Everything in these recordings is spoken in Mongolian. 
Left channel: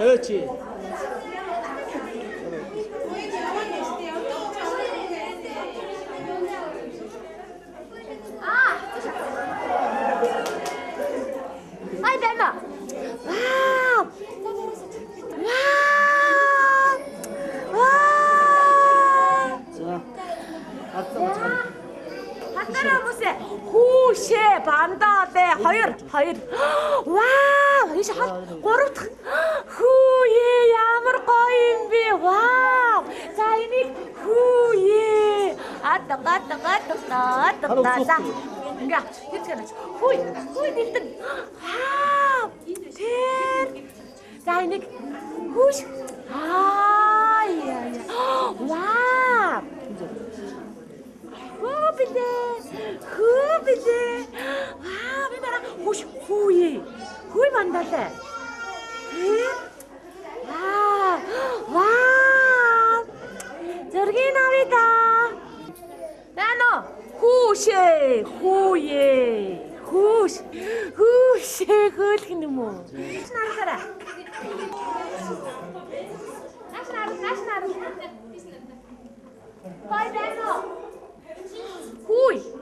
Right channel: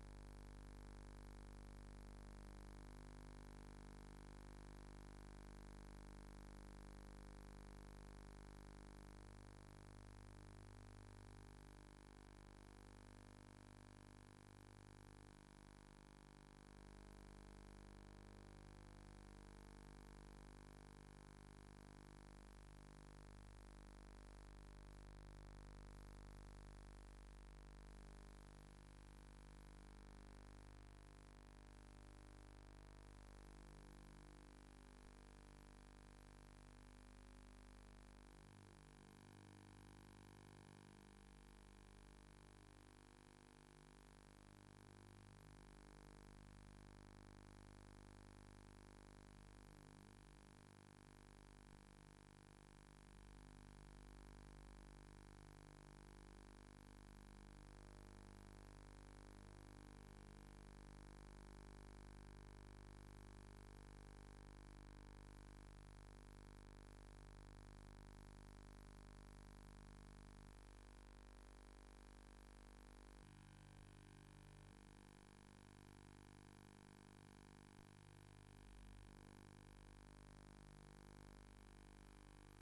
그렇지. 아이 뱀아. 와우. 호시 반다대 hayır 와우 이제 고르 후예 야물 거인비 와우 자이니 후예 아따 enggak itu kan hui diteng wow tir 자이니 후시 iya wow 후비데 아 비바라 호시 후이 만다대 와 저기 나비다 나노 후시 그렇게는 뭐 나가라 나시나루 빨리 나노 후이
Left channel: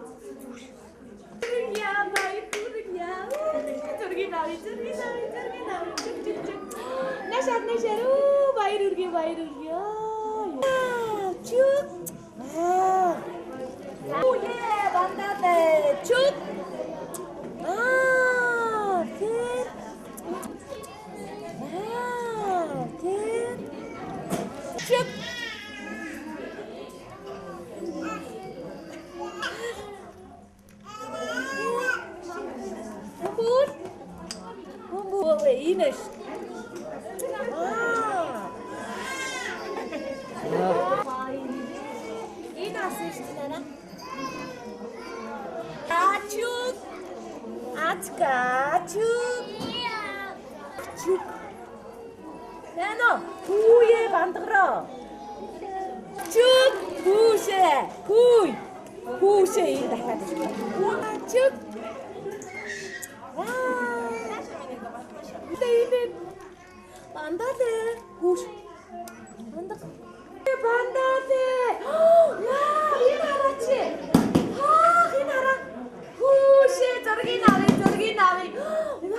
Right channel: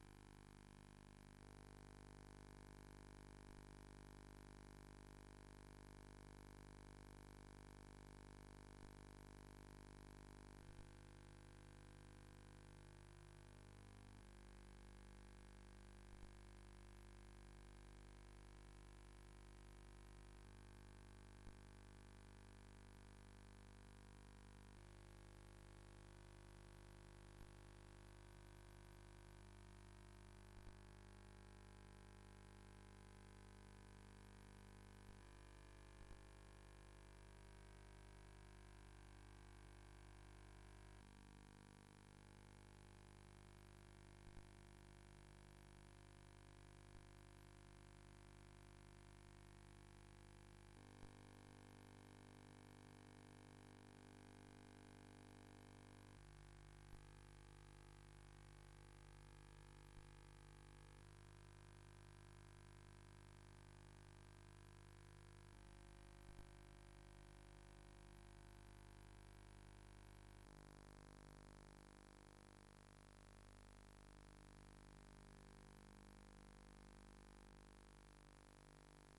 야 마이 부르냐 저기 나위 나샤 오 바이르게 쭉 오예 반다데 쭉 Ines. Ines istana. Açık. Açık. Nano, 후에 만들어. 쭉 후세 이다 하지. 쭉. 반다데 호시 반다데 와 이나라치 이나라 호시 저기 나위 와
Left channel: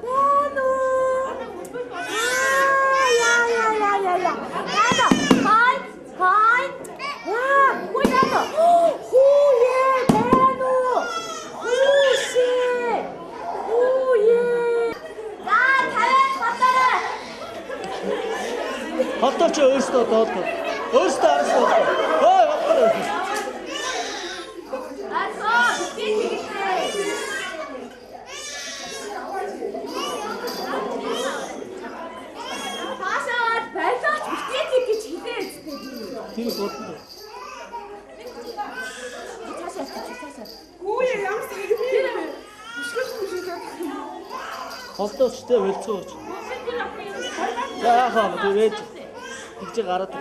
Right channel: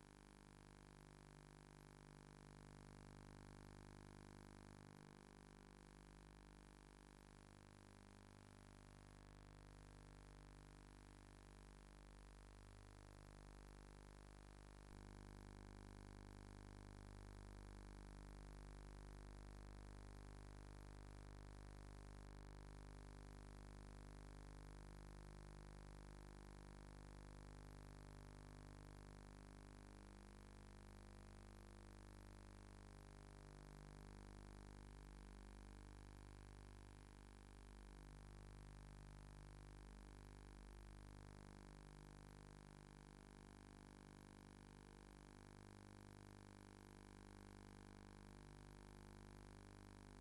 나노 야야야야야 나도 하이 와 호야도 후예 나노 Ийм болдог. Хүү ямар сайн. Холдооч тэ болцооч. Яахаа тэгээд тэгж гараад.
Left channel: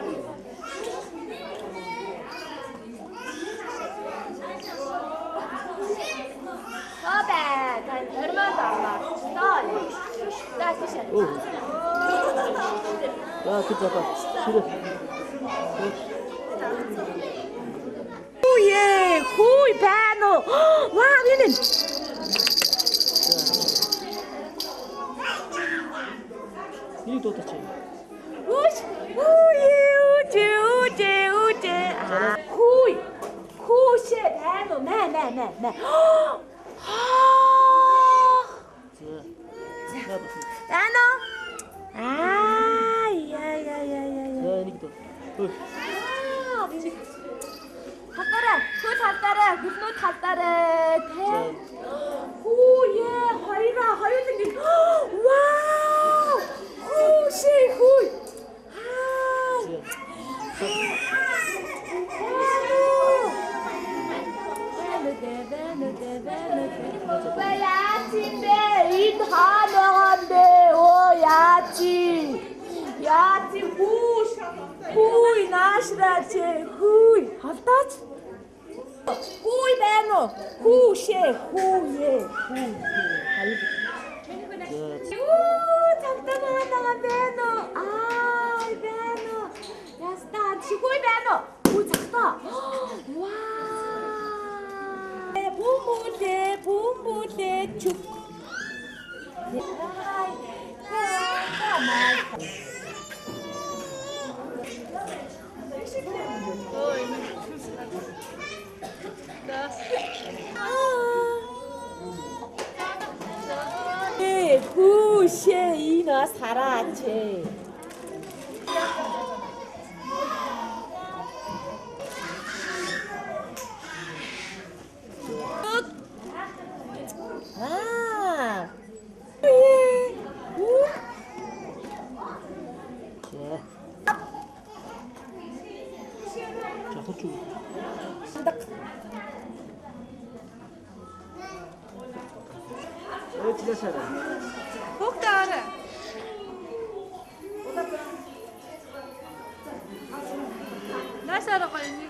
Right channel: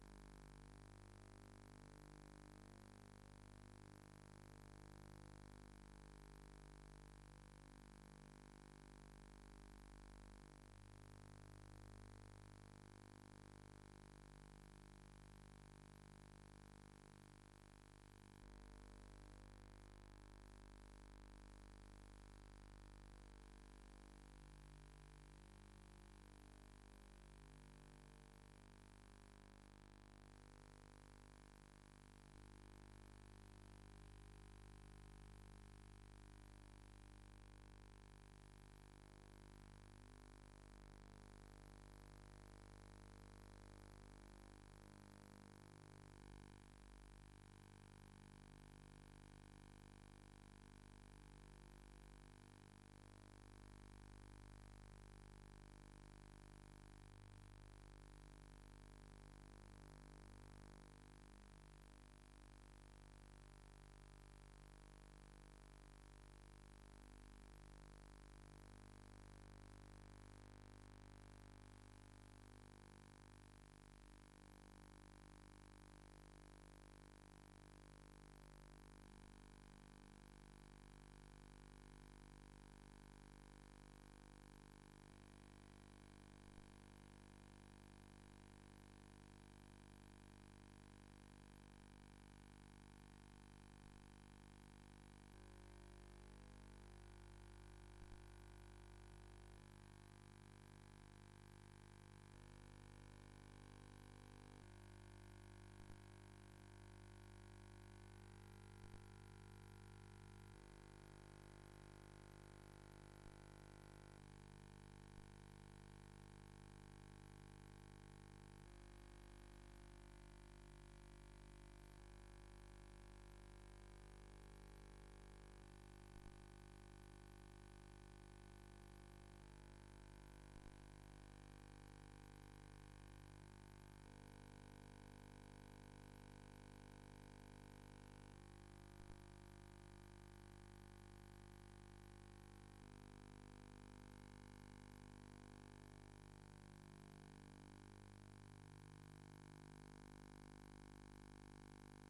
Бабе, тань өрмөнд аваа. Даа тийш. Оо. Яа гэж бата. Ширээ. Хүйе, хүй байна уу? Ваа, энэ. Нэг дуудаач. Үш. Үжи. Хүй. Хүйшээ байна уу? Мэ. Байна уу? Яа нэг дуу. Ой. Хатараа, гүнөө хатараа. Хүйе, хоёуланг. Вау! Хүй. 인 하나한데 오 야지 후이 나시라지 후이 할따지 후이 베노 후셰 후예 잠깐만 베노 베노 야스타 후이 베노 오 작다 와 봄보대 축 구셰이나 사라체 자, 호주. 진짜 잘해. 복다래 나사로 가니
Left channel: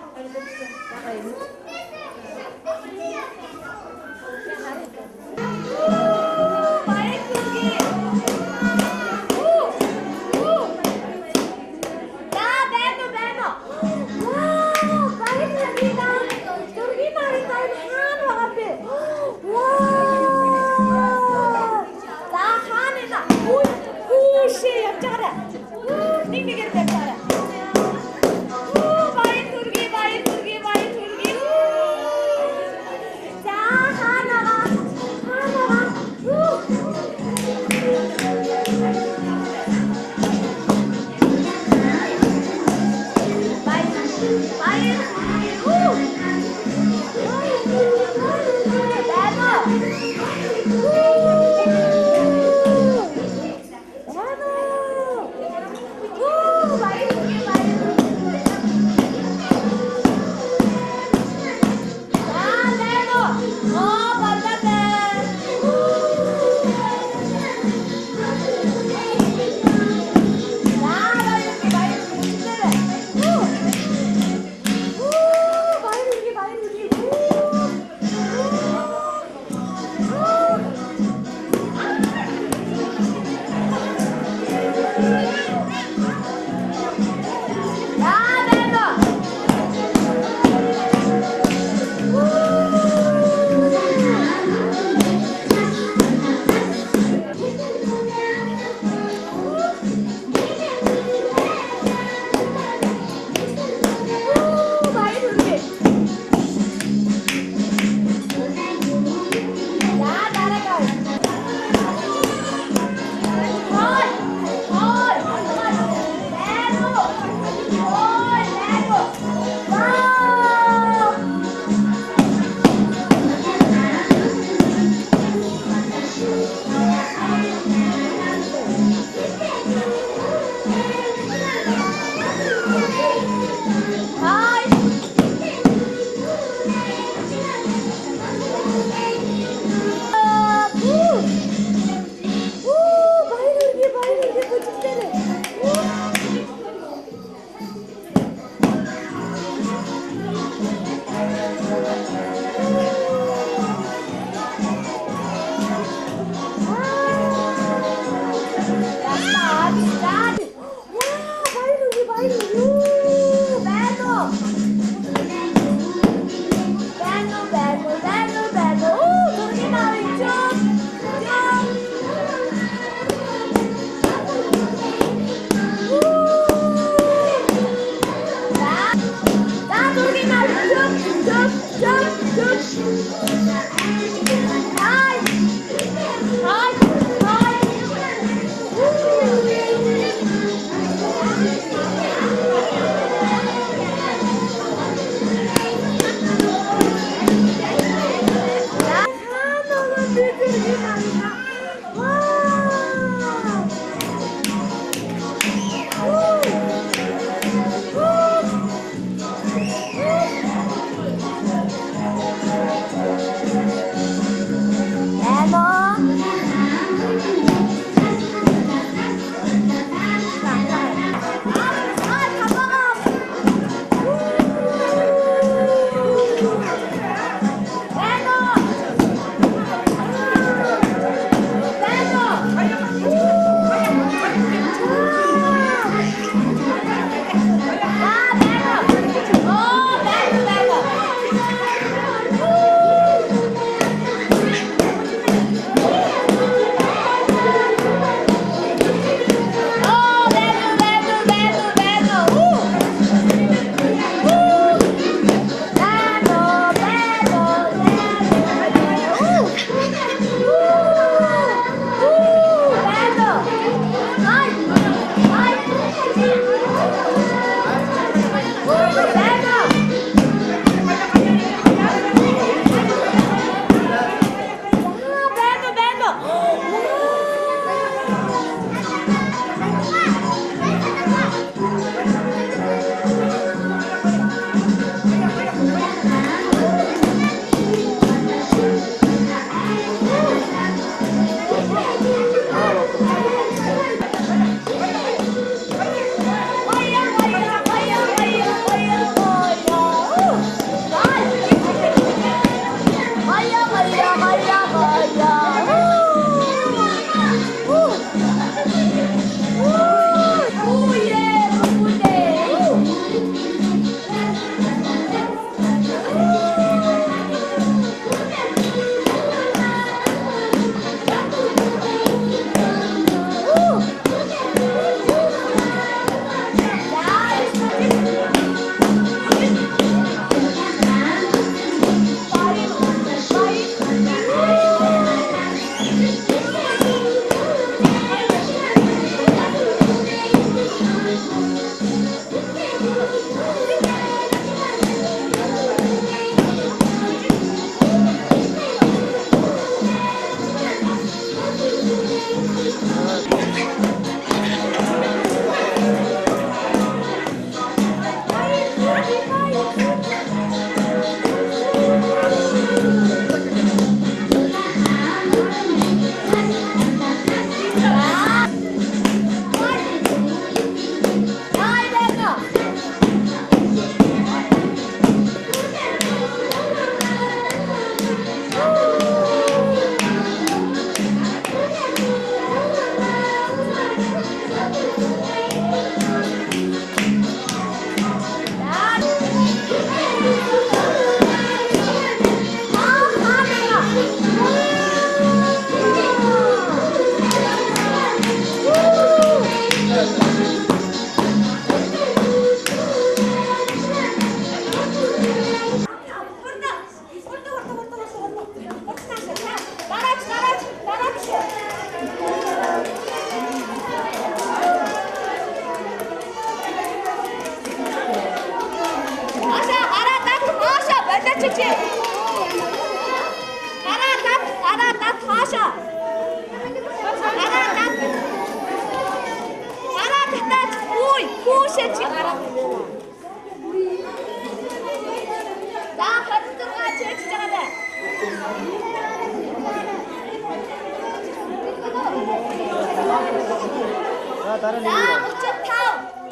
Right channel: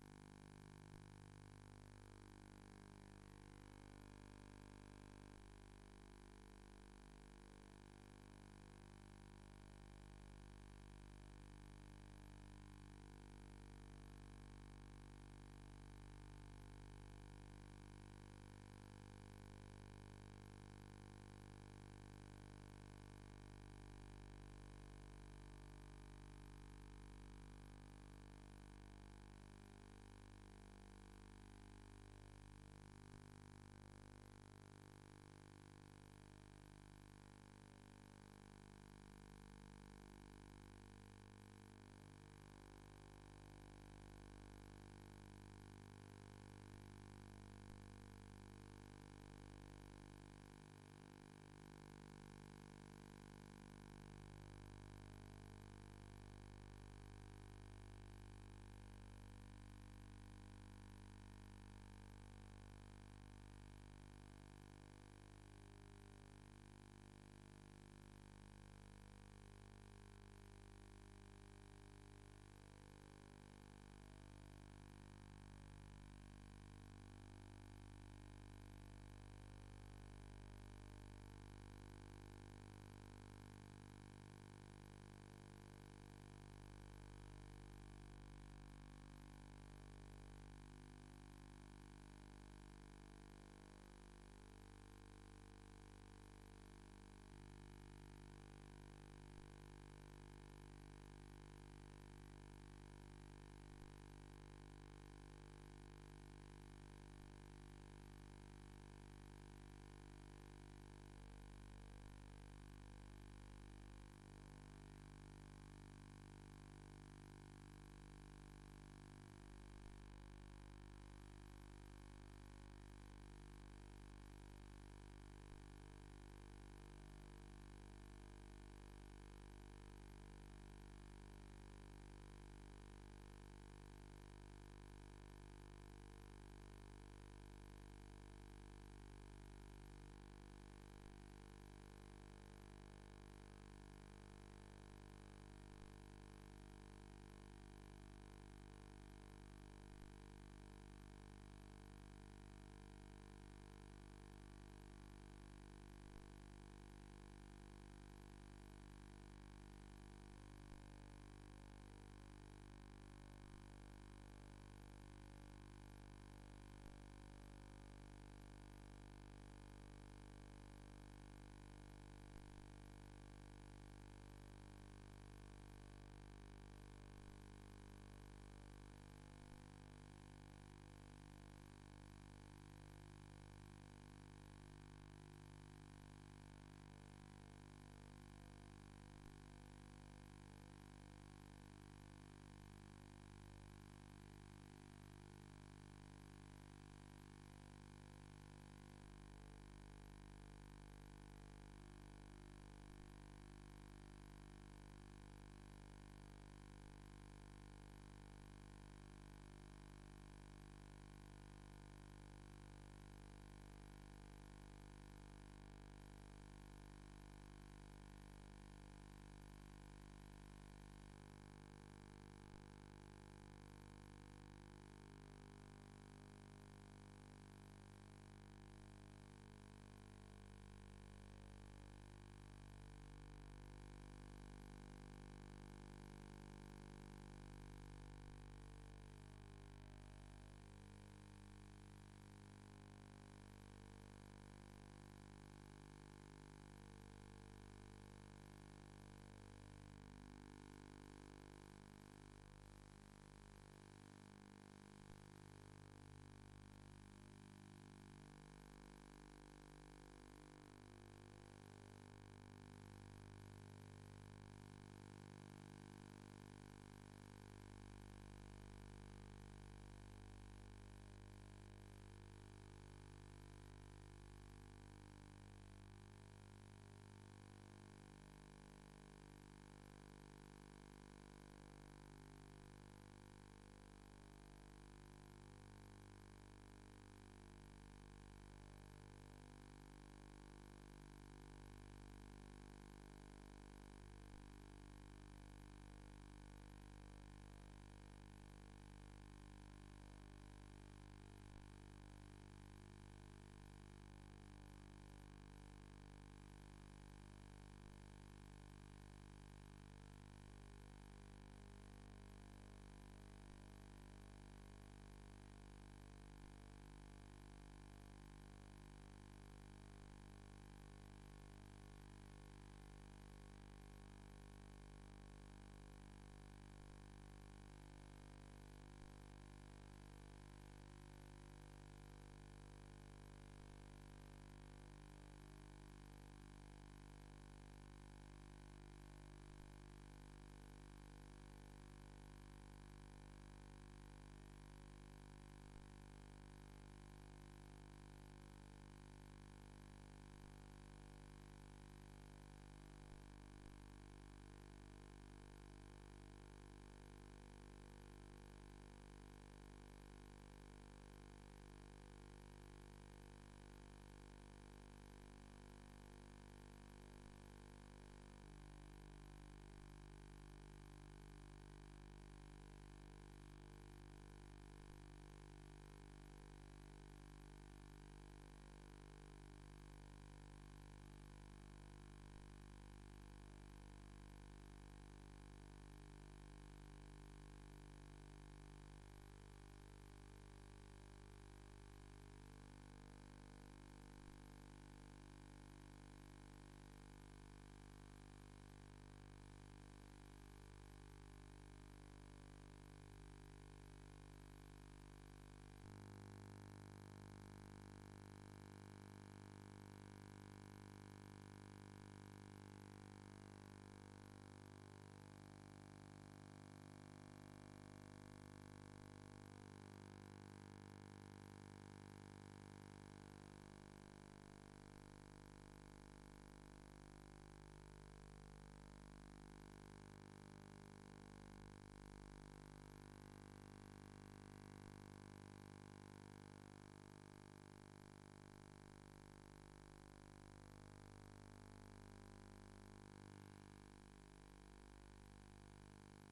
다른 자, 얘기야. 35,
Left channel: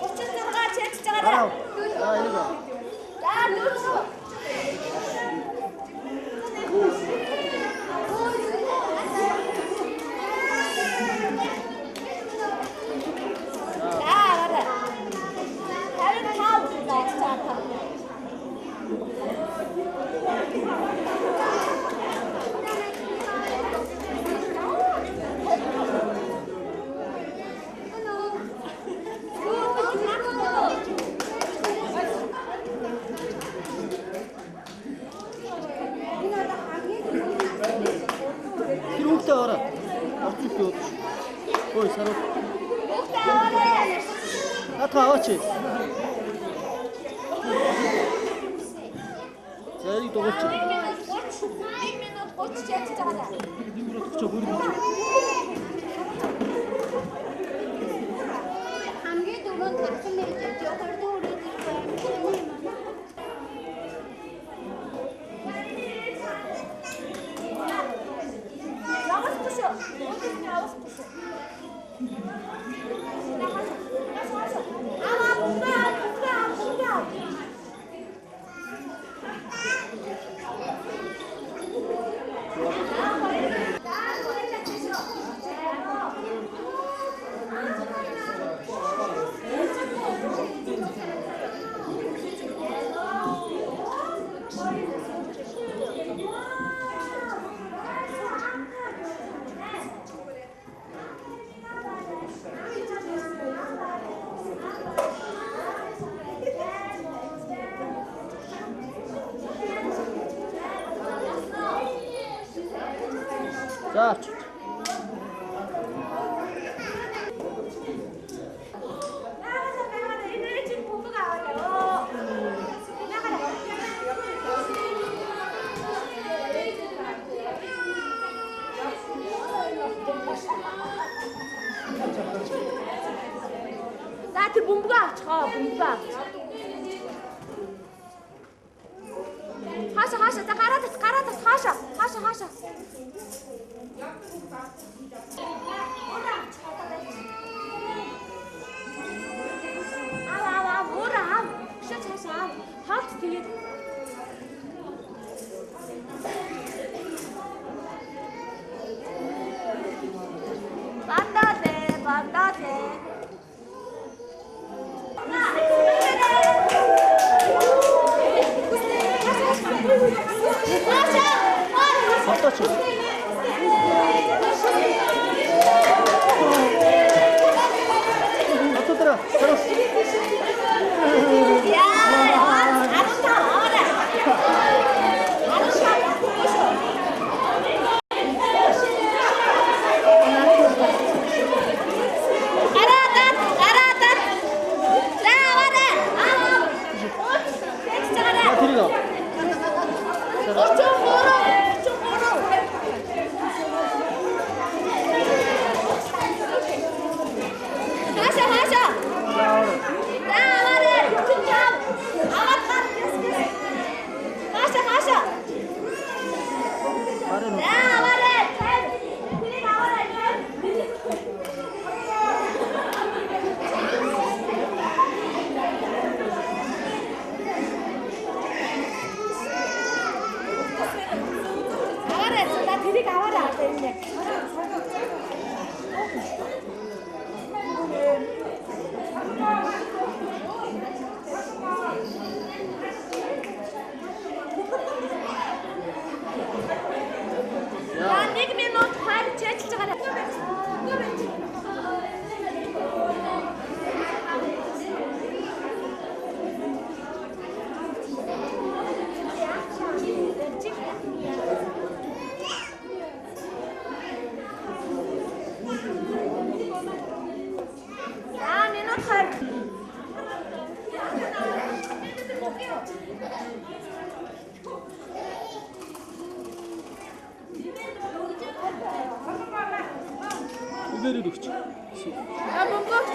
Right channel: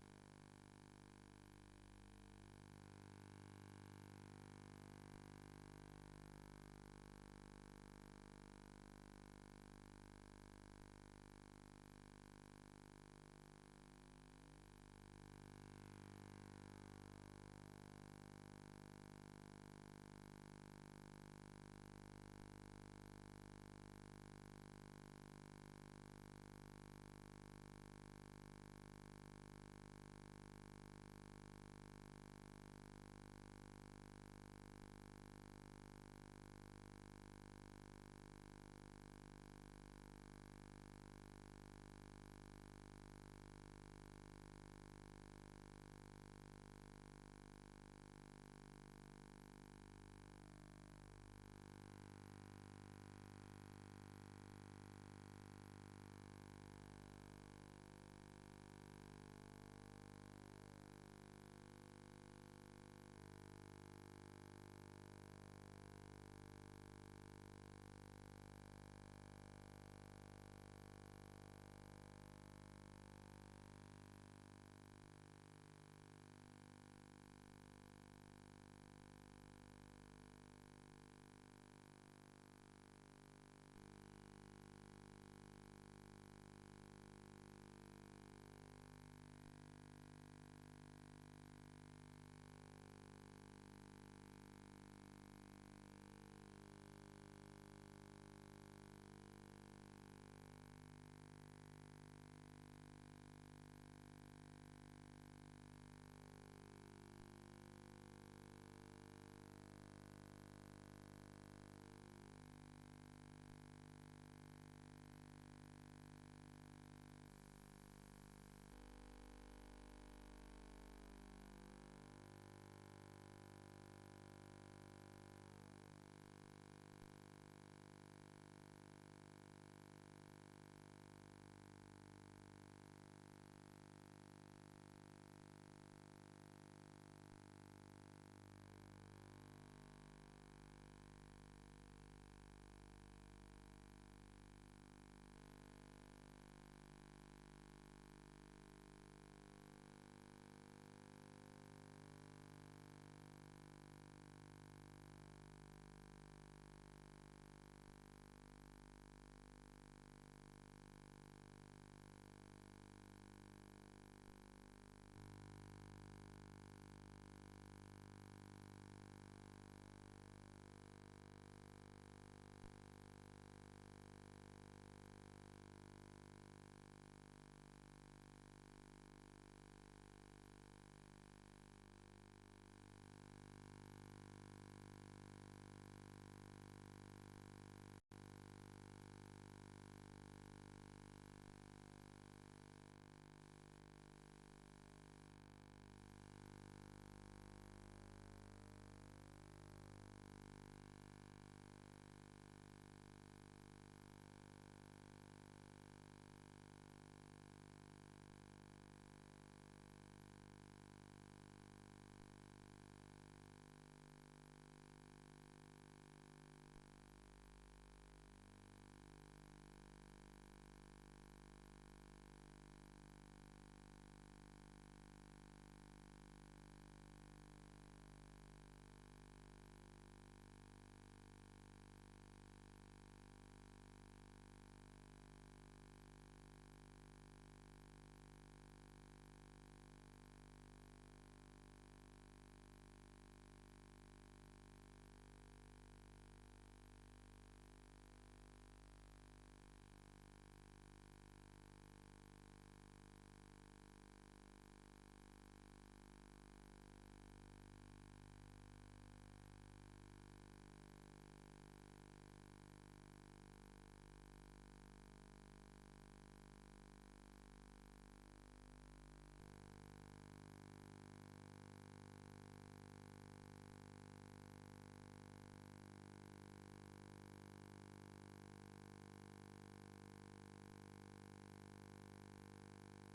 36가 제일 진짜가 돼. 아, 이거. 자, 누르. Ой, саруу. Хүүхдээ аваарай. Аваач. Зэрэг дугуулч. 1 минут 30 чийж байгаа. Димрот ч хөргөж. хамгийн дөрөв тархан мэрэгч явахаар дөрөв Явах туш. Явах туш. За. За тэр бөмбөгөө авчихаа, бөмбөгөө авч. Хаашаа за гараад хаашаа. Аа, муура. Хаашаа. Хаалт тэгээд. Бандаа. Авточ. Автотра. Саруу. Тэрийг. тэрийг аваарай энэ. За 1 минут хайр чэжилж байгаарай. Үгээр өгч. Бөмбөг.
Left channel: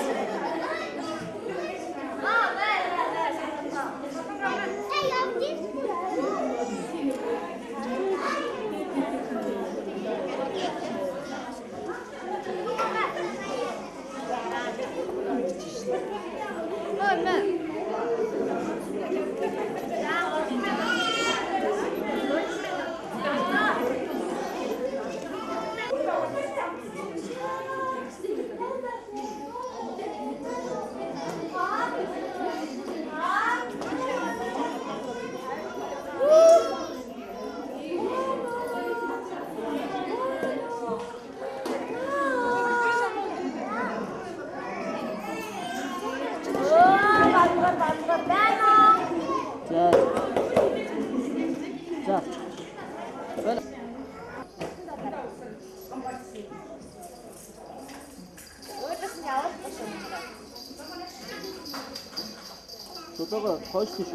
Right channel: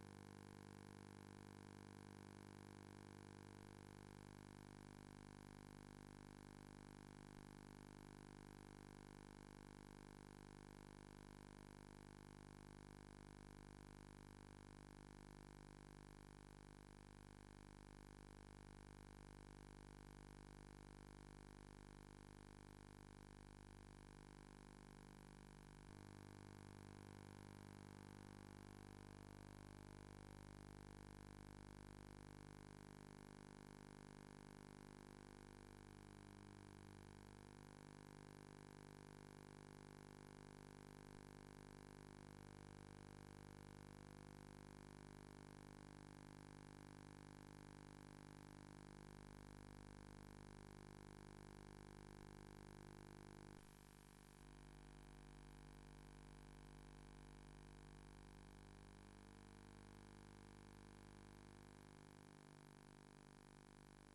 오다가 더 시키죠.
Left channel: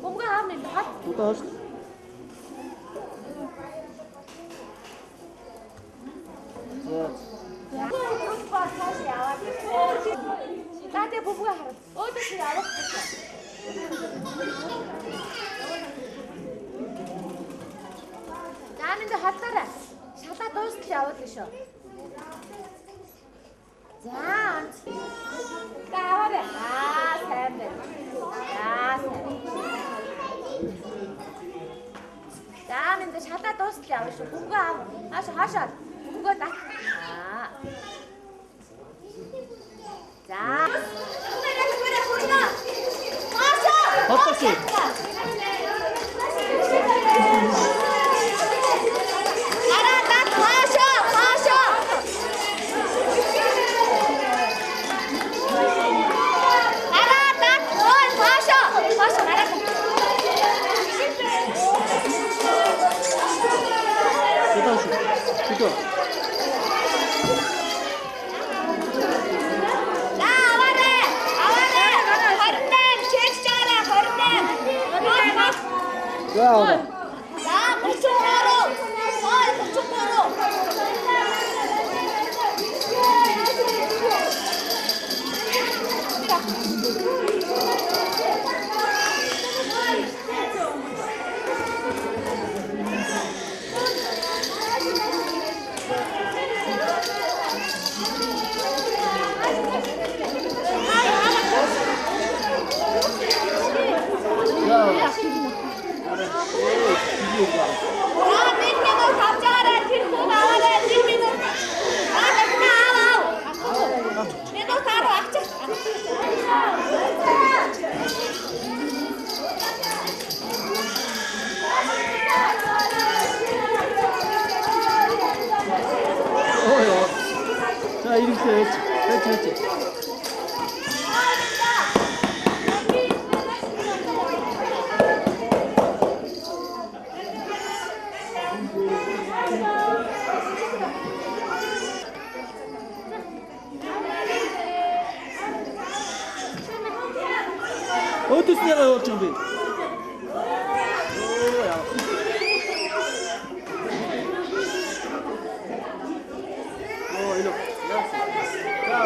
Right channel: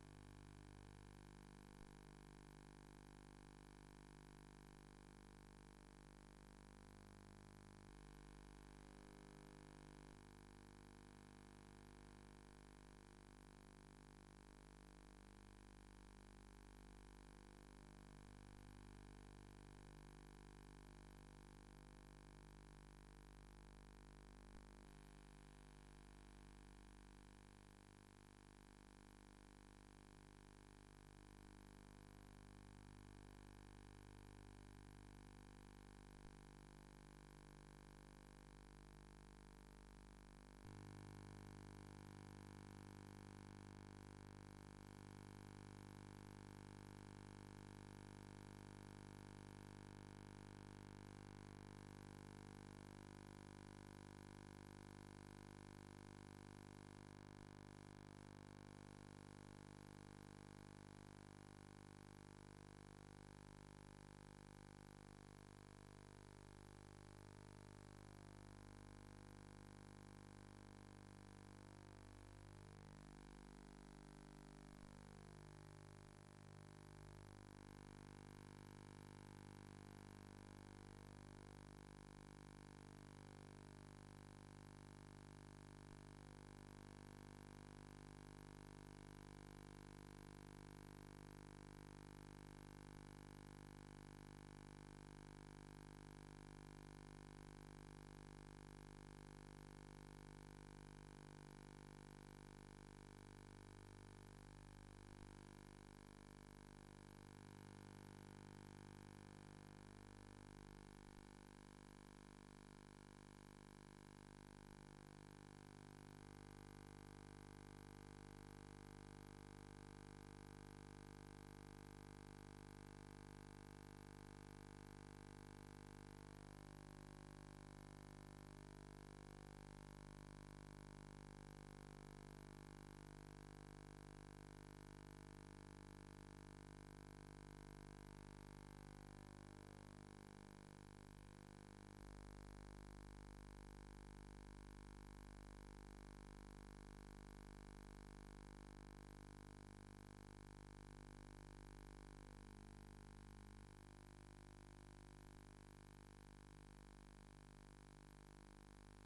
Không có ham thì hết. 오다가 시키. 네. Tati bubuga harap. Oh, tas yawa. Namin da hatara. Шата дуустал яваад л шүү. За. Гавар. Сайн байна. Сайн. Наmin da шата дуустал яваа шүү. Бүгэ аав. Хаашаа. Бүгэ дат. За. 헛것이. 그죠? 야, 자, 이렇게 했지. 어디서 내가 준비? 이리. 자.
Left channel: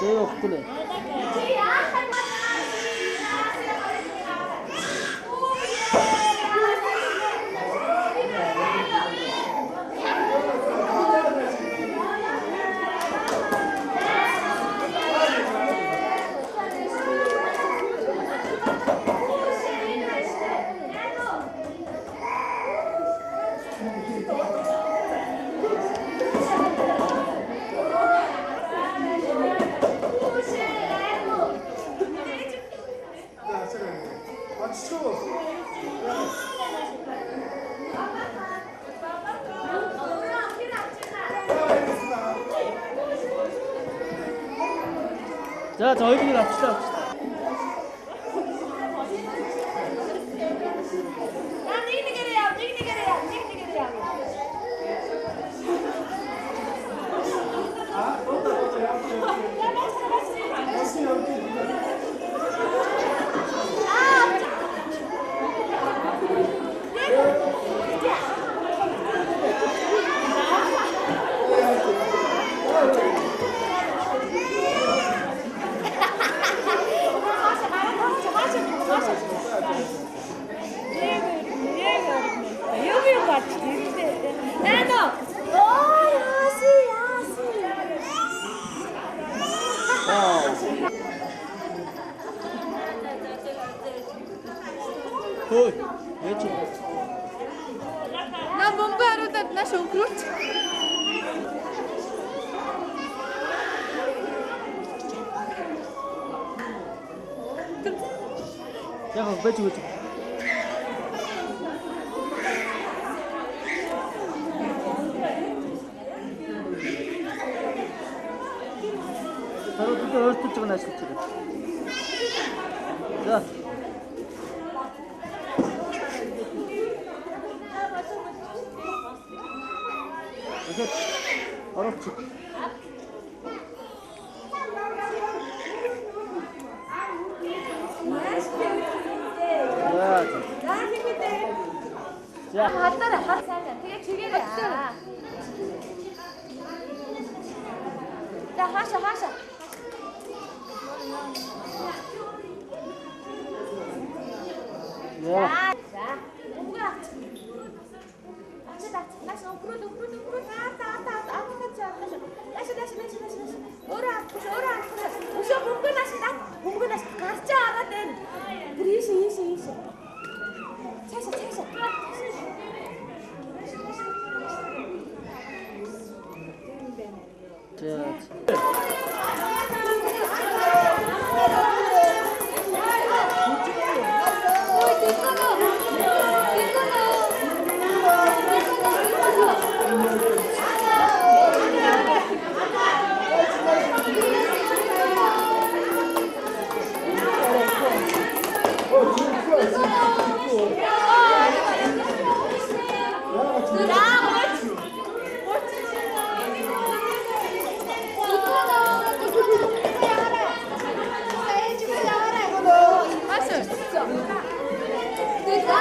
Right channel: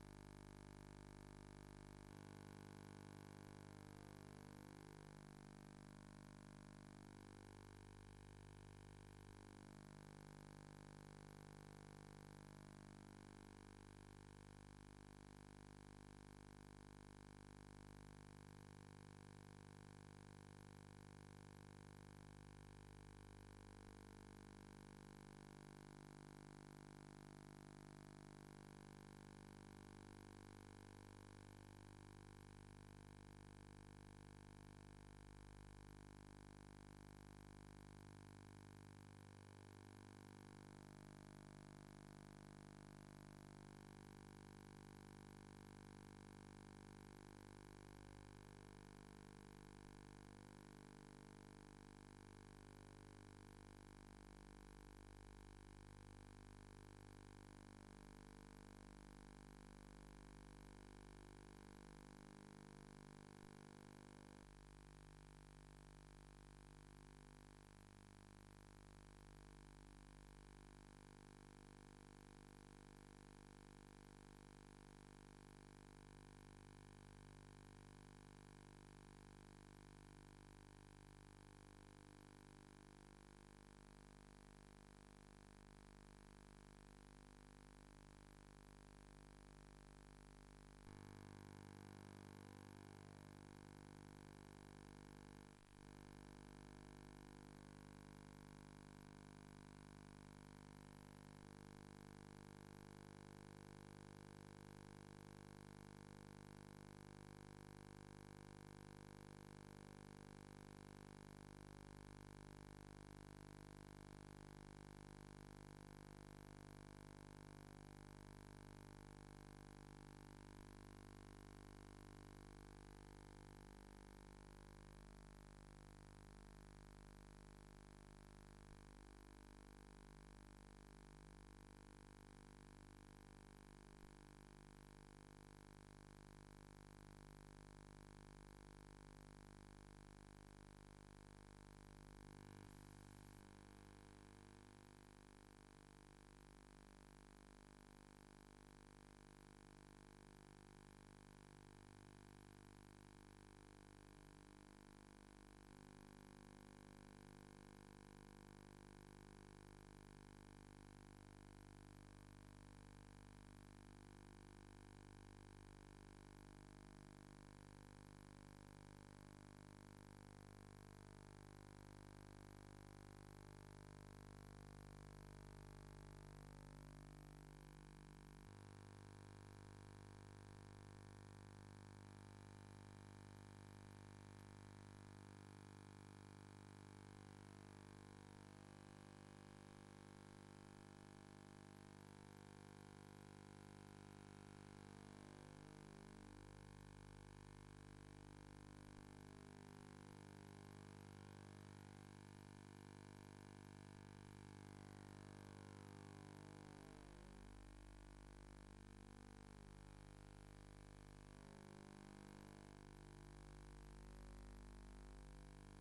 제가 그래. 자, 저희끼리 갑시다. 왜 좀? 나 몸부 하루다 나 쇼크로치. 야, 왜 좀? Саруудыг ойртуулж байгаа нь ажиллаж байгаа. За. Окей. Оруулчих. За хатаараа хат сайн. Тэгээ чигээрээ. За хаашаа. За. Унга. Ачаа. Наш өнгөрөө. Өөрөө авах. Өшөө хөнгөө наш гарч аваад байна. Ийш. Цаашаа.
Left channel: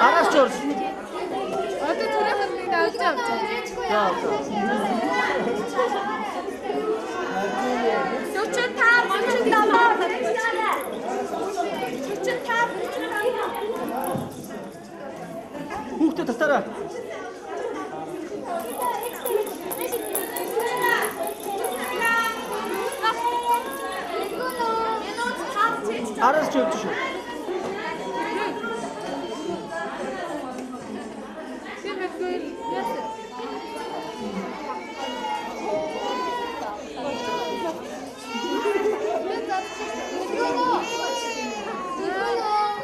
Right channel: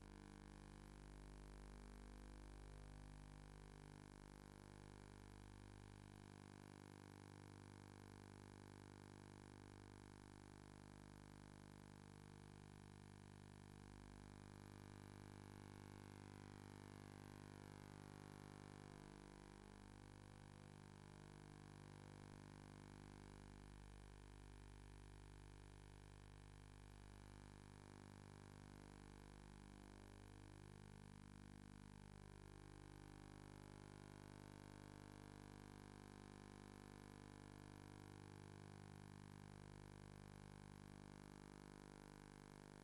Араас чорс. Одоо түрээхэн нэг авч авчих. За. Хүүхдээ татаараа. Араас чорс шүү.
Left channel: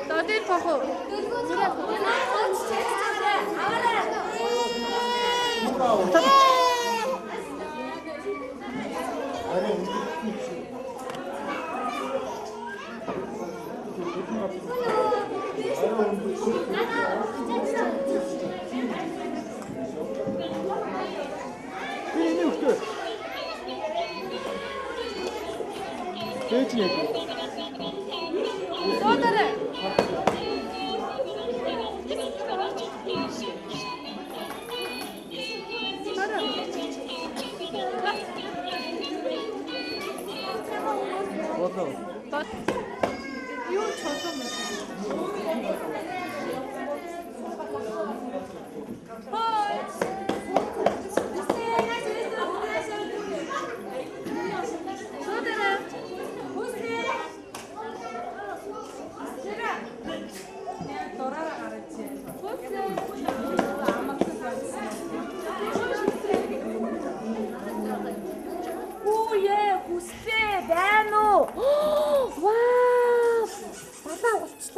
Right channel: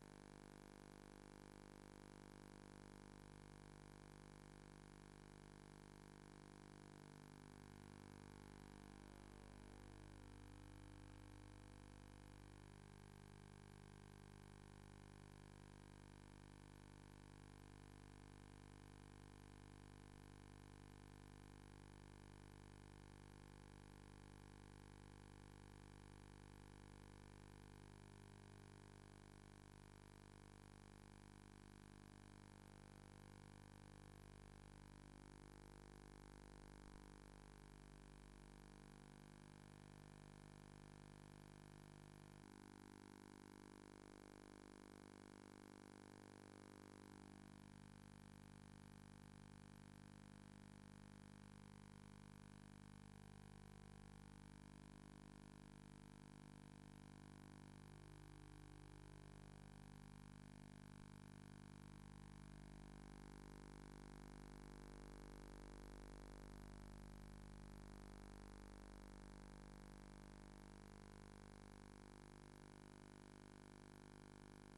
Додын тохоо. Энийг өгтөө. Ээж яг. Додорой. Болоо. Юу чулуу мэ?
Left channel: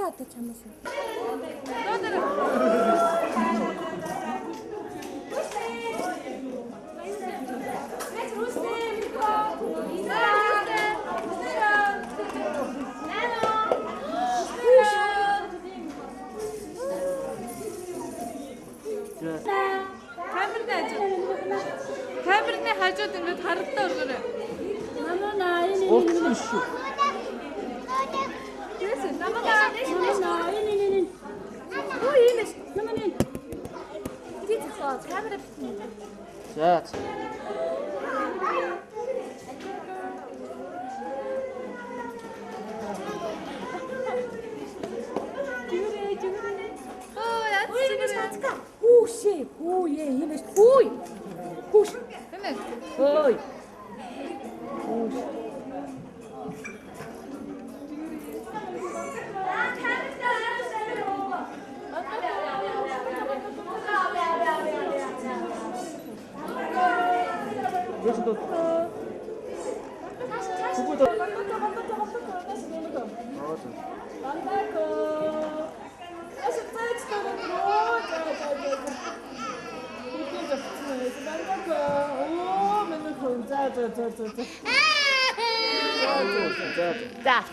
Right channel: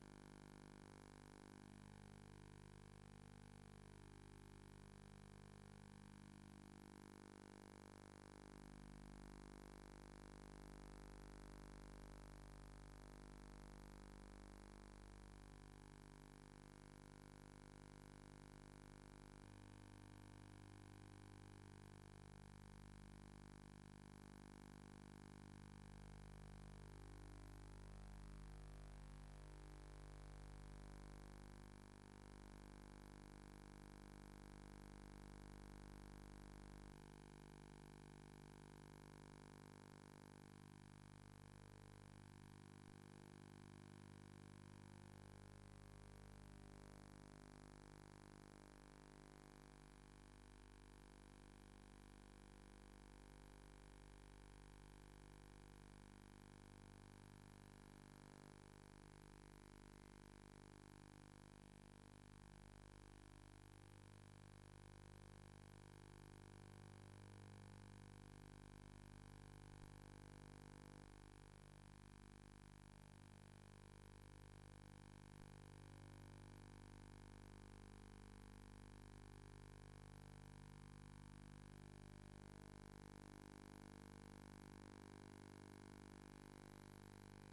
Одоо чамаас. Камерны хажууд ингээд харагдаа өргөрөө. Уучлаарай шүү. За. Ой. За.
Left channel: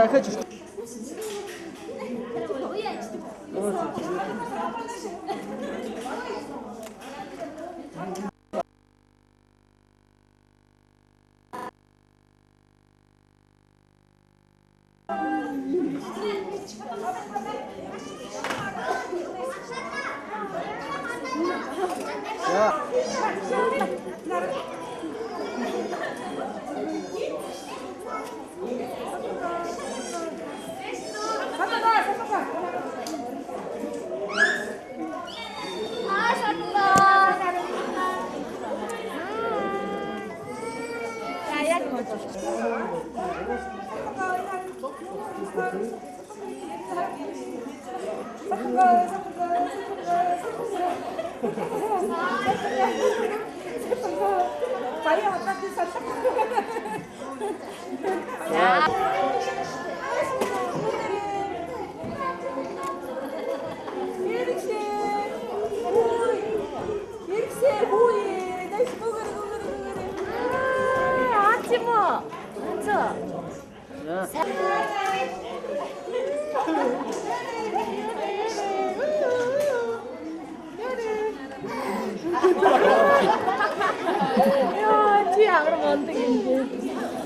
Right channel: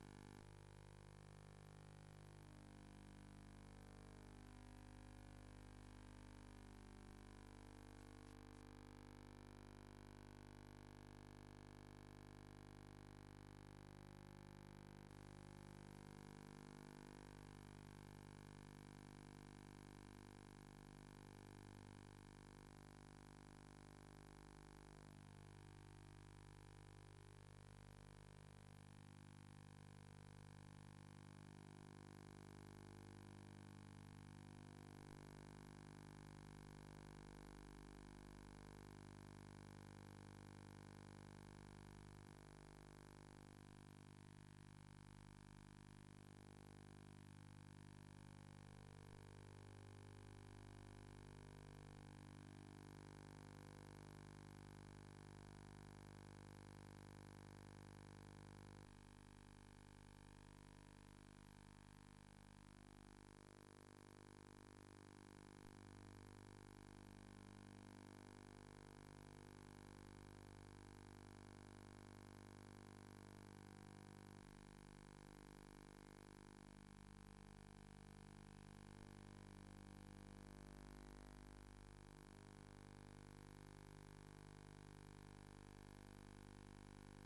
야, 그렇지.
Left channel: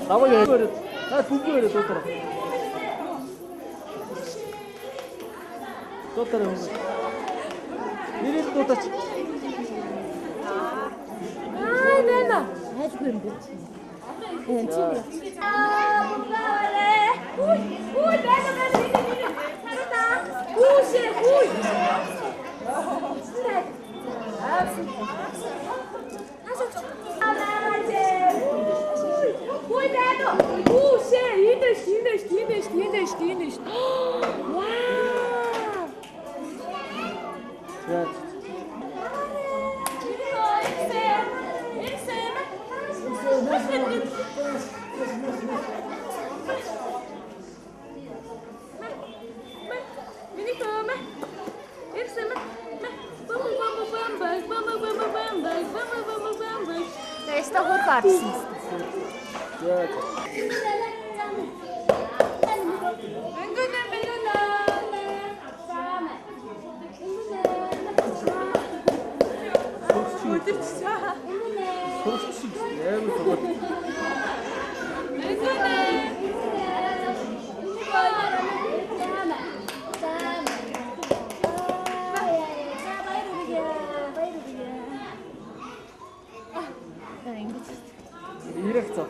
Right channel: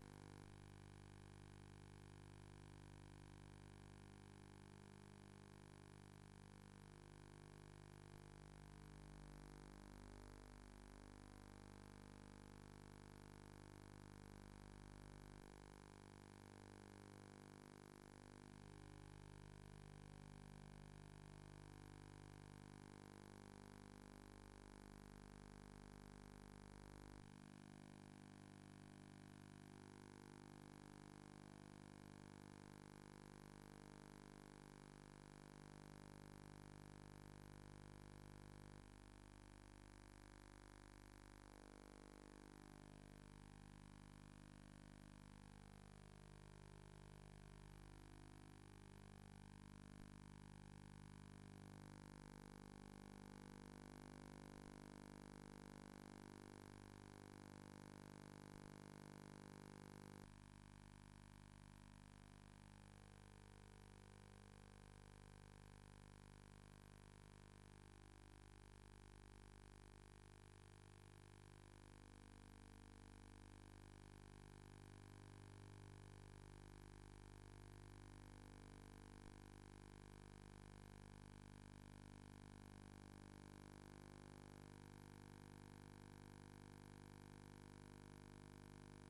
나머지 부부를 떴더라. 떴더라. 이리 떴다. 아, 내놔. 아주 그런데. 네, 친구야. 아, 뭔가 그래. 우이, 내가 잘한다. 우시, 우이. 그래. 알았어. Finish. Wow. Yeah. Esta rotação. 이랬어.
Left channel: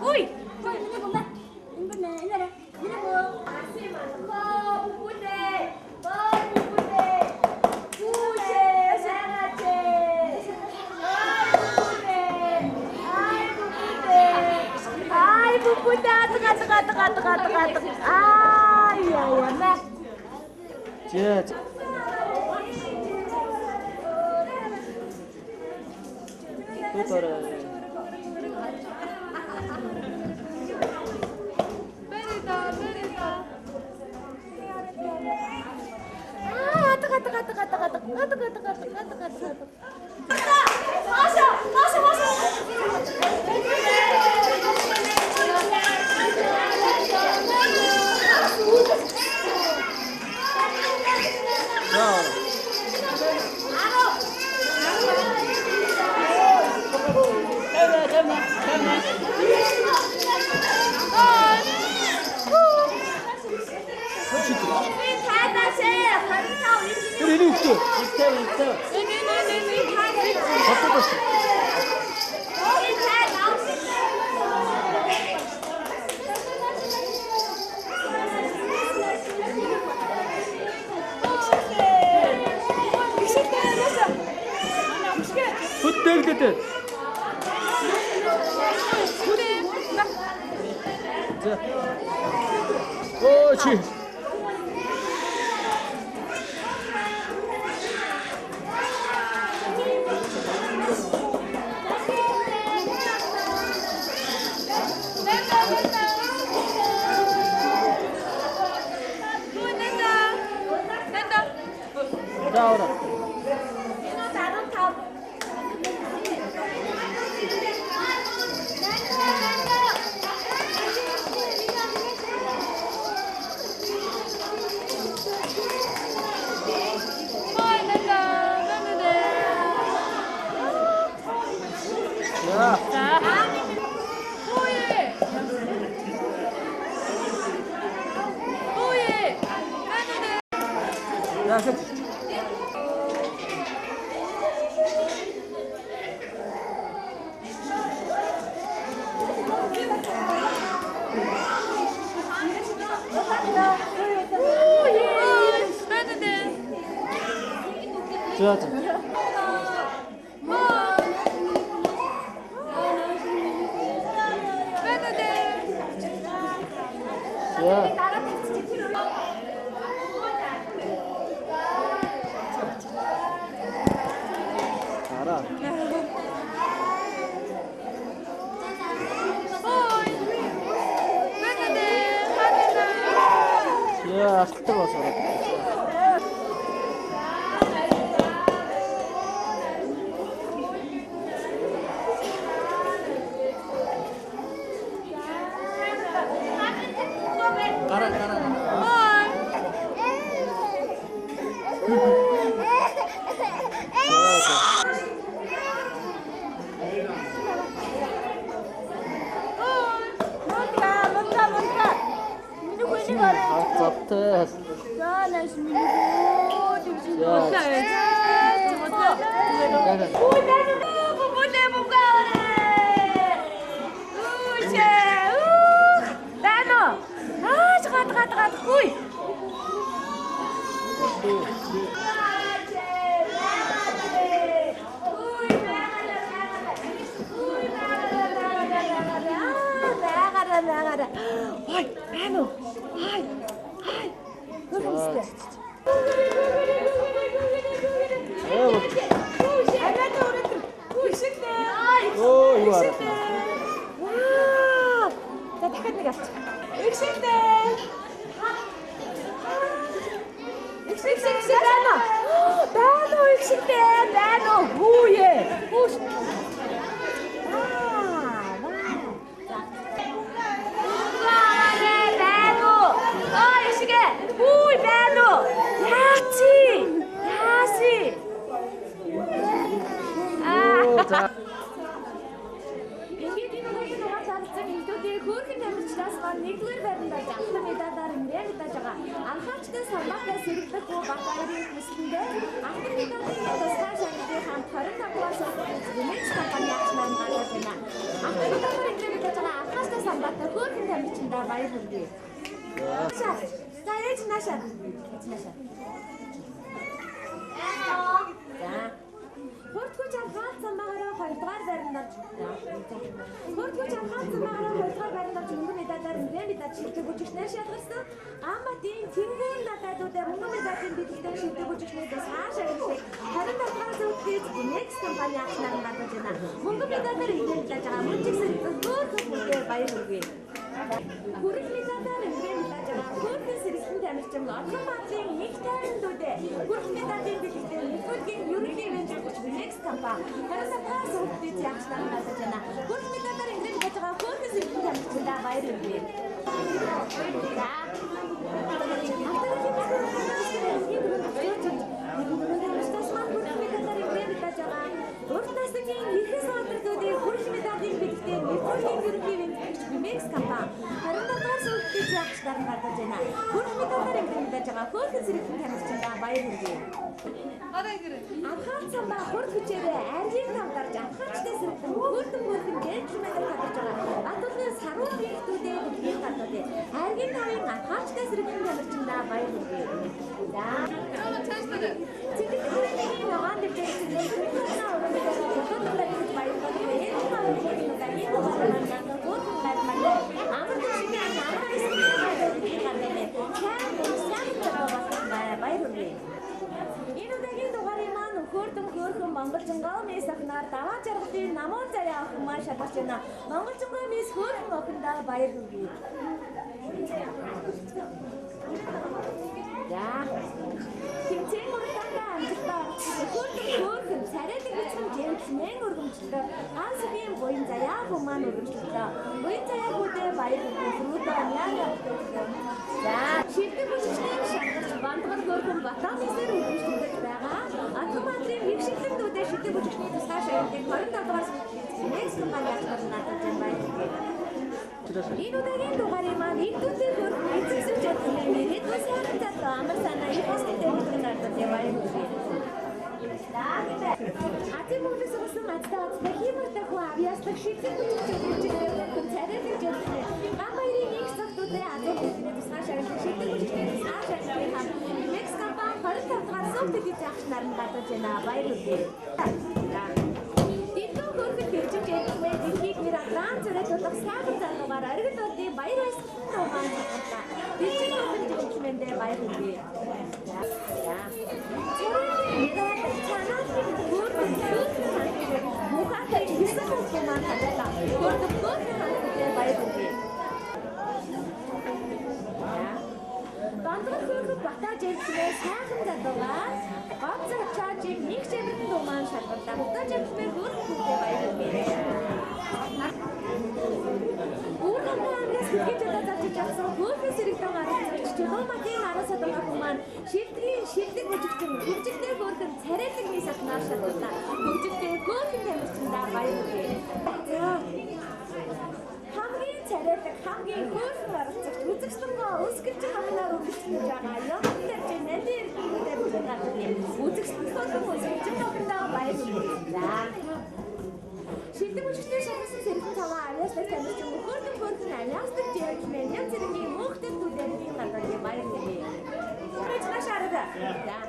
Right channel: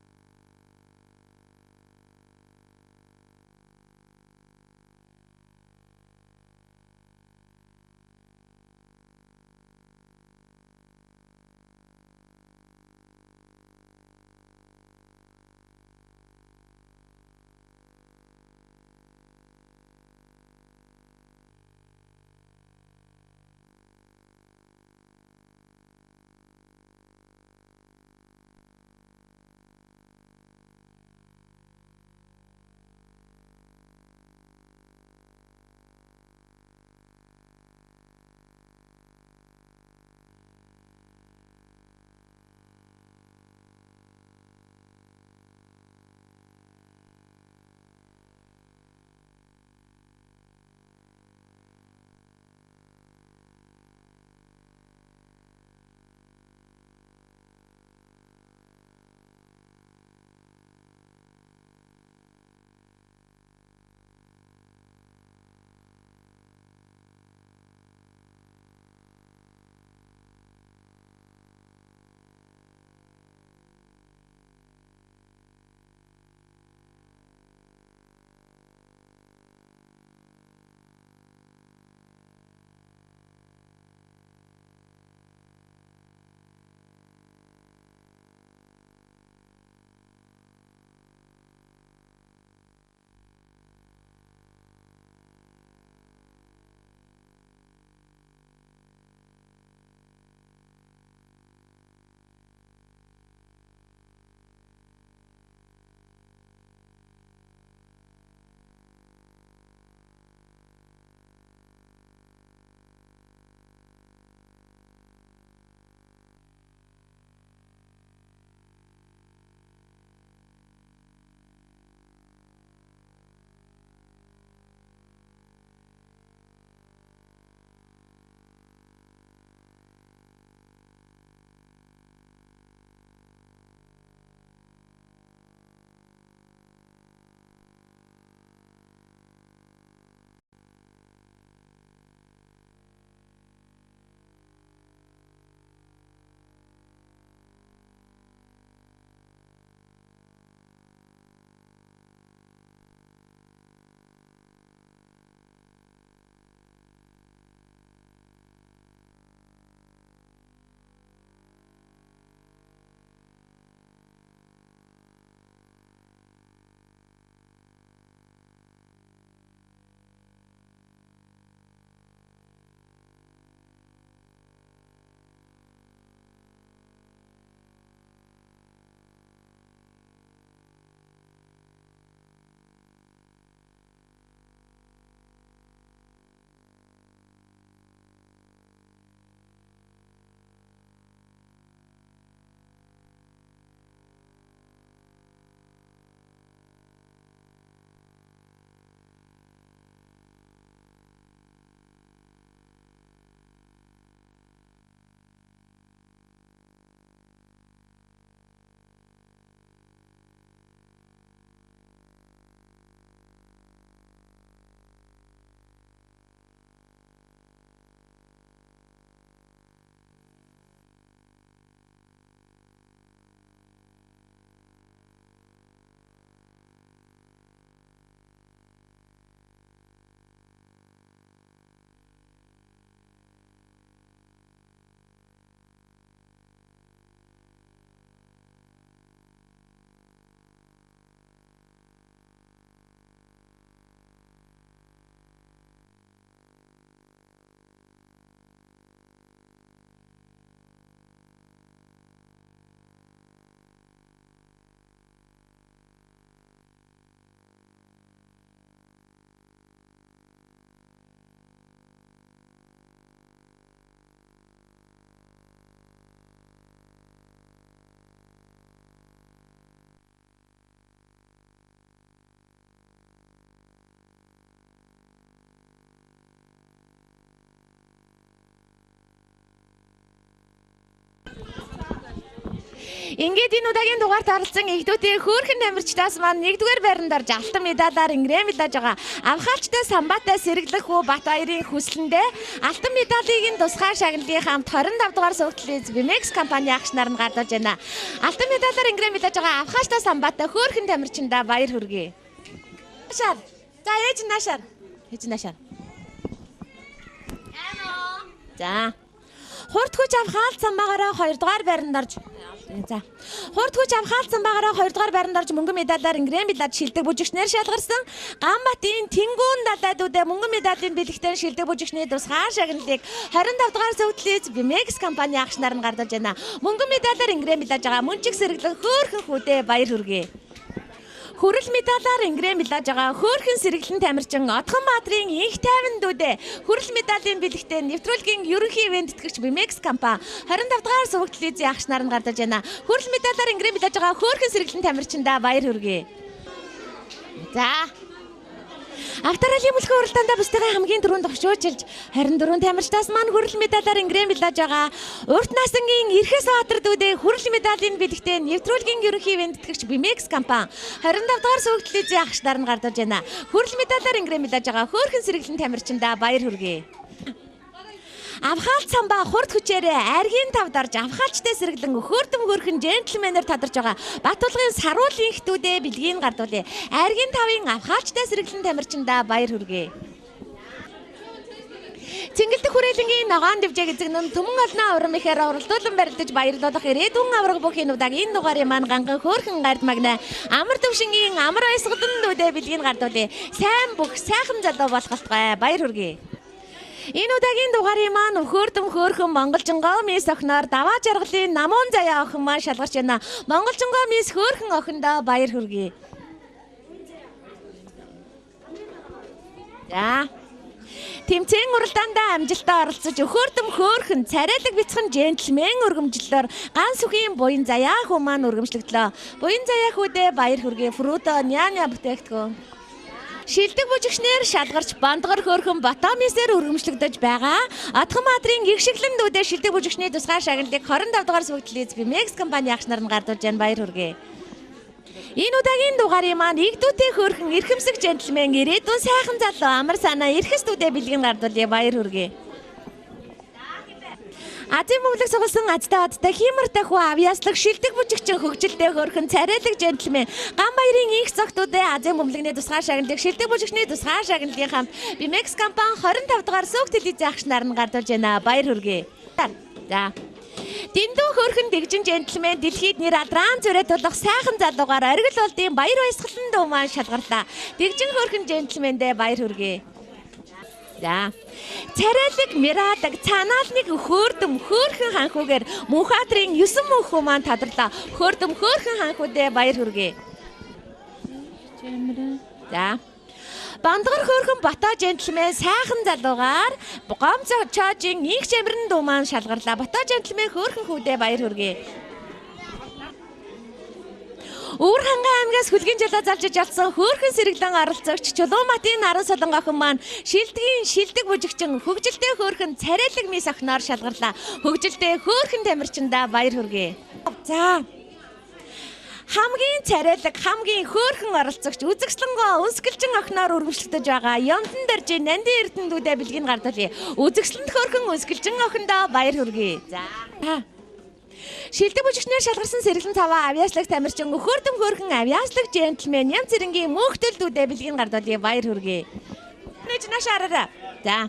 Ui! яа. За. Тутара. Ini uktu. İşte. Bakın. Tuttuk dedi. Ochi. Ahora. Ya. 좋아하자. 좋아. 알아. 야, sak 들어왔어. Zaptı. Ой, Бано. Ай. Оо, юу арай. Вау. За дахиад нэг авч. Ихшигтэй. Ихшигтэй байна. Бано ихшигтэй байна. Хүүе. Хүүш. Ингээд энэ удаагийн дугаарт оролцсон игдүүдийн хөөрхөн тамирчдаас маань 1-р байранд орж алтан медалаар ингрэм мэдэж байгаа. Авхаарчтай Самбатай сэргэлэх хүү Батбаярын хүслэндээ алтан медалийг тусгай шагналын хамт 25 дугаар сувгдлын Vimex компани агч нар нь гадуулж байна. Алтан медалаар ингрэм мэдэж байгаа Авхаарчтай Самбатай хөөрхөн тамирчиндаа баяр хүргэе. За ээж наашаа. За. Хурдгүйж авхаалт самбаагаараа 2 дугаар байранд орж за. Хурдгүйж авхаалт самбаагаараа 2 дугаар байранд орж мөнгөн медалаар ингрэм медаль шилдэг бүжигчнэр шалгарсан. Ганбатын Тэнгүүн далайдуудаа мөнгөн медалийн бэлэгтэн шилдэг бүжигчний тусгай шагналыг 25 дугаар зөвтлөж Bimex компани агш наран гардаж байна. Мөнгөн медалаар ингрэм медалж байгаа мөн чиг сэргэлэн хөөрхөн хүдэ баяр хүргэе. Хүрэл медалаар ингрэм медалж байгаа хөөрхөн сэргэлэн тамирчин Отгон Баатрын инх тайван дүүдэ хүрэл медалийн бэлэгтээ нэвтрүүлгийн ерөнхий ивент тэтгэгч Bimex компани 25 дугаар зөвлөлтийн агш наран гардаж байна. Хүрэл медалаар ингрэм медалж байгаа хөөрхөн сэргэлэн тамирчиндаа баяр хүргэе. За. Авторалын бүлгийн уралдаанд бусдын хамгийн түрүүнд огшоочилж 24 тамирчдаас маань хүрэл медалаар ингрэм медалж байгаа Урт Насангийн Эрхэс Баатар дүүдээ хүрэл медалийн бэлэгтээ нэвтрүүлгийн ерөнхий ивент тэтгэгч Bimex компани 25 дугаар зөвлөлтийн агш нар нь гардаж байна. Хүрэл медалаар ингрэм медалж байгаа хөөрхөн сэргэлэн тамирчиндаа баяр хүргэе. Авхаалт самбаа хурд хүчээрээ айргийн тавд орж авхаалчтай сэргэлэн хөөрдөм хөөрхөн джентльменээр тадарч байгаа Баттулгын саруулын ихтүүдээ бэлгийн гардуулъя. Айргийн тавын авхаалчтай сэргэлэн тамирчиндаа баяр хүргэе. Цэнгэлдэх хүрээлэнгийн ногоон дэвжээг эзэгнэн төмөн олноо урам ихээр оролдуулан барилдаж баярлуулах ирээдүйн авраг бүхий нүдэг энэ дугаарыг маань ганган хөөрхөн гард магна амар төвшингийн амар баясгалан дүүдээ бэлгийн гардуулъя. Сайн бүх сайхан залуу болох болтугай баяр хүргэе. Энэ удаагийн дугаарыг маань хөөрдөм хөөрхөн монголжингоо мис охиноор даваа жаргалын намуун заяа охин маань шалгарч байна. Монголжингоо мис хөөрхөн охиндоо баяр хүргэе. За. Тэмцээн уралдаандаа амжилттай оролцож хөөрдөм хөөрхөн царайлаг бяцхан джентльмен өргөмжлөлөөр ганц үгийн буян заяа хүн маань өргөмжлөгдлөө. Буян заяа хүүдээ баяр хүргэе. Фрудо няня бүтээгдэхүүн. Шилдэг бүжигчнэр шалгарч бандгар хөөрхөн Батамисээр өргөмжлөгдөж байгаа. Отгон Баатрын гихшиглэн дүүдээ шилдэг бүжигчний тусгай шагналыг 25 дугаар зөвлөлтийн Bimex компани агш нар нь гардуулж байна. Баяр хүргэе. Энэ удаагийн дугаарыг маань игдүүтэй хөөрхөн эрхэмсэг джентльмен ирээдүйн сайхан залуу амар санаа эрхэстүүдээ бэлгэн гардуулъя. Баяр хүргэе. Азийн бөмбөлөг сугалсан азтай одтой хиймэртэй хүү авьяаслаг шилдэг бүжигчин хөгжилтэй хөөрхөн царайлаг джентльмен ган баярын инх цогтуудаа Азийн бөмбөлөгний тусгай шагналыг шилдэг бүжигчний тусгай шагналын хамт Bimex компани 25 дугаар суугт телевизийн агш нар нь гардуулж байна. Баяр хүргэе. За. Дэндүү хөөрхөн дэгжин джентльмен дэлхийд нэр адран зүрэ тулах сайхан залуугаар оргил болдын баяр баясгалан дуу маань шалгарлаа. Дэгжин хөөрхөн джентльмендээ баяр хүргэе. За. Царайлаг мирадаг цаанаалныг хөөрдөм хөөрхөн ханхуугаар Мөнхбаатрын 9 мөнхүү маань тодрлоо. Хөөрдөм хөөрхөн ханхуудээ баяр хүргэе. За. Бандгар хөөрхөн Бата джентльмен сайхан залуугаар Гомцо чаажийн инх чамирн дуу маань шалгарлаа. Бата джентльмен хөөрхөн хүүдээ баяр хүргэе. Өвөр ханган аймгаас хүлгийн жолоо залжиж олсон хөөрхөн сэргэлэн оролцогч Чулууматын Наран Солон охин маань шилдэг бүжигчин хөгжилтэй хөөрхөн царайлаг мис охиноор шалгарлаа. Хөгжилтэй хөөрхөн тамирчиндаа баяр хүргэе. За. Хамгийн царайлаг хамгийн хөөрхөн оролцогч үзэгслэнгөө өнсгөлжин охиноор өргөмжлөгдөж байгаа Ямдан Даржийн Нандин Эрдэнэдүүдээ бэлгийн гардуулъя. Үзэгслэнт хөөрхөн өнсгөлжин охиндоо баяр хүргэе. За. Шилдэг бүжигчнэр шалгарсан сэргэлэн цаваа авьяаслаг тамирчин хөөрдөм хөөрхөн авьяаслаг джентльмен ям зэрэнгийн мөнхтөлдүүдээ бэлгийн гардуулъя. Баяр хүргэе. Нашаараа. За.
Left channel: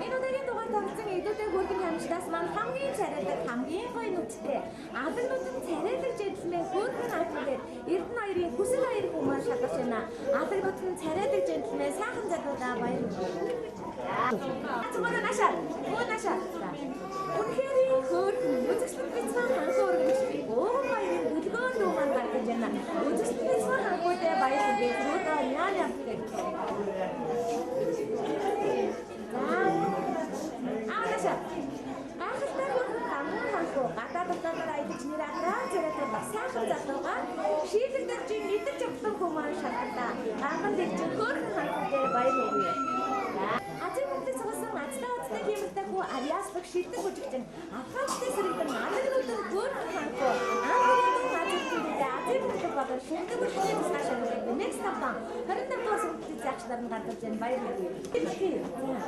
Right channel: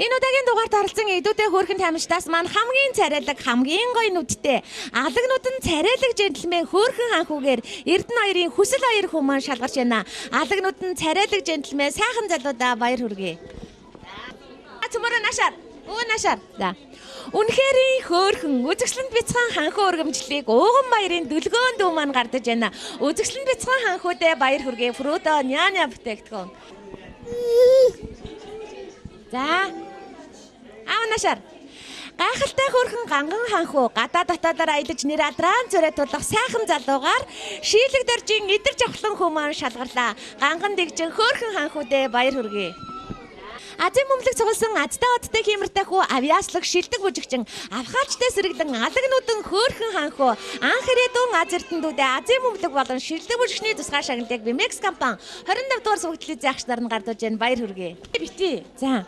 Энэ удаагийн дугаарт оролцсон эдүүтэй хөөрхөн тамирчдаас маань хамгийн царайлаг хамгийн гоё нүдтэй алагнууд нь царайлаг джентльмен хөөрхөн ханхуугаар Эрдэнэ хоёрын хүсэл хоёр хүн маань шалгарч байна. Алагнууд нь царайлаг джентльмен сайхан залуудаа баяр хүргэе. Цөмөрөө нашаар. Нашаар. За. Үнэхээр хөөрхөн үзэгслэнд бяцхан ханхуу өргөмжлөлийг ууган баярын дүлгөөн дүү маань гардаж байна. Үзэгслэнд бяцхан ханхуудаа баяр хүргэе. Фрудо няня бүтээгдэхүүн. За. Нашаар. Гайхалтай хөөрхөн ганган ханхуу гадаа дотоодоор аялаж нэр адран зүрэ тулах сайхан залуугаар шийлэг доржийн идэр жавхлан хүү маань шалгарлаа. Ганган дэгжин хөөрхөн ханхуудаа баяр хүргэе. Азийн бөмбөлөг цугалсан азтай одтой хиймэртэй хүү авьяаслаг шилдэг бүжигчин авхаалчтай сэргэлэн алагнууд нь хөөрхөн ханхуу анх ирээдүйн аз эрдэнэдүүдээ Азийн бөмбөлөг болон шилдэг бүжигчний тусгай шагналыг Bimex компани 25 дугаар зөвлөлтийн агш нар нь гардуулж байна. Баяр хүргэе. Бити. За.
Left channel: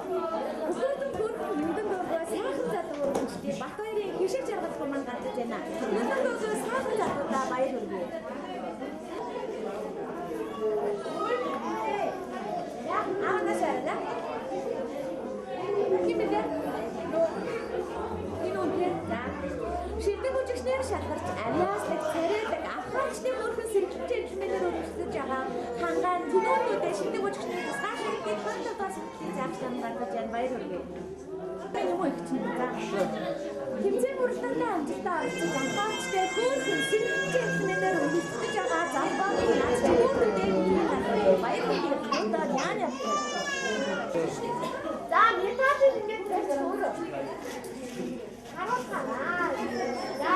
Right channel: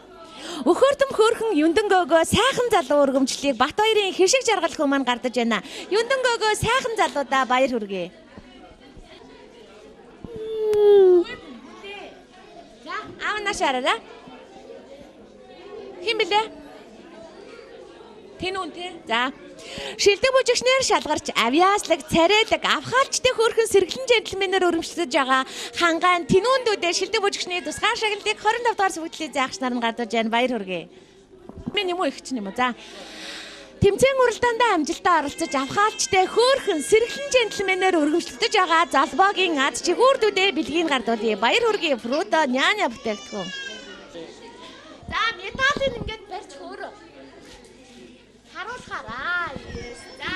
Өхөөрдөм хөөрхөн Юндэнгөөгөө сайхан залуу өргөмжлөлийг Бат хоёрын хишиг жаргал хүү маань гардаж байна. Юндэнгөөгөө сайхан залуудаа баяр хүргэе. Нашаараа. Хин блэ? Тэн үнтэй. За. Шилдэг бүжигчнэр шалгарч авьяаслаг, царайдаг, авхаалчтай хөөрхөн сэргэлэн джентльменээр өргөмжлөж байгаа хангаан тэнүүндүүдээ шилдэг бүжигчний тусгаар шагналыг 25 дугаар сүгэлтлийн заагч нар нь гадууж байна. Баяр хүргэе. Мен юм уу их ч юм уу. За. Тэмцээн уралдаанд амжилтаа оролцож авхаалчтай хөөрхөн сэргэлэн джентльменээр өргөмжлөж байгаа залбоогийн аз чигүүрдүүдээ бэлгийн гардуулъя. Баяр хүргэе. Фрудо няня бүтээгдэхүүн. За, металлын ингээд барьж өөрөө. Харуулгаараа. За,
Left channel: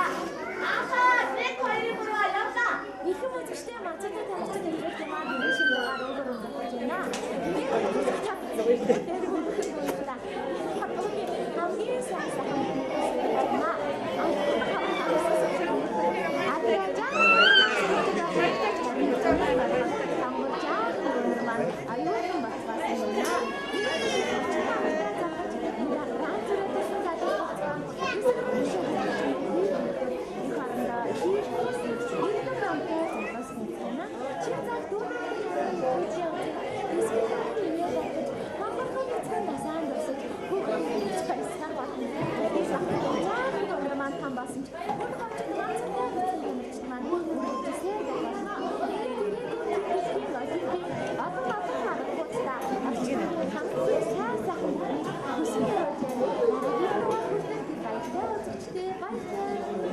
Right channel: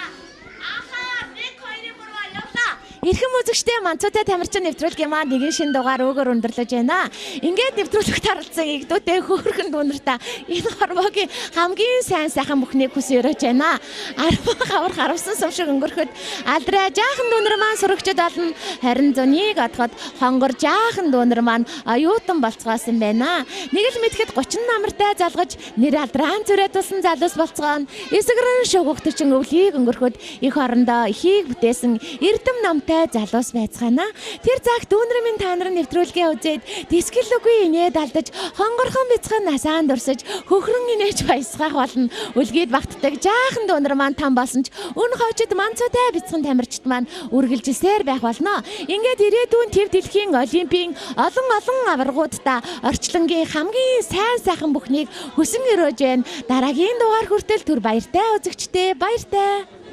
ахаа, нэг хоёрын бүрөө явлаа. Эрхэм үзэгчтэй Манцуутай тамирчин нэвтрүүлгийн маань нэгэн шин дугаар өгөр өндөрлөж байна. Ингээд нэвтрүүлэгт оролцсон игдүүтэй хөөрхөн дүүнартаа энэ хорвоогийн хамгийн сайн сайхан бүхнийг хүсээрэж байна. Хавар харамсан сум шиг өнгөрөхөд алдраа жаахан дүүнэр маань сурагчд болно. Харин зөнийг одоход хонгор жаахан дүүнэр маань оюутан болцгоосон байна. Нэг л мэдхэд 30 намартай залгаж нэр алдраан зүрээ тулсан залуус болцгоон. Эсгэрэн шугагтчин өвлийг өнгөрөхөд их орондоо ихийг бүтээсэн эрдэм намтай залуус байцгаана. Тэр цаг дүүнэр минь та нарын нэвтрүүлгээ үзээд дискэл үгүй инээд алдаж хонгорхон бяцхан насаан дурсаж хөхрөн инээж баясгах болно. Үлгээд багтдаг жаахан дүүнэр маань там болсон ч өн хойчод Манцуутай бяцхан тамирчид маань үргэлжилсээр байх болно. Ингээд ирээдүйн төв дэлхийн олимпийн олон аваргуудаа орчлонгийн хамгийн сайн сайхан бүхнийг хүсэн өрөөж байна. Дараагийн дугаар хүртэл түр баяртай үзэгчдээ баяртай.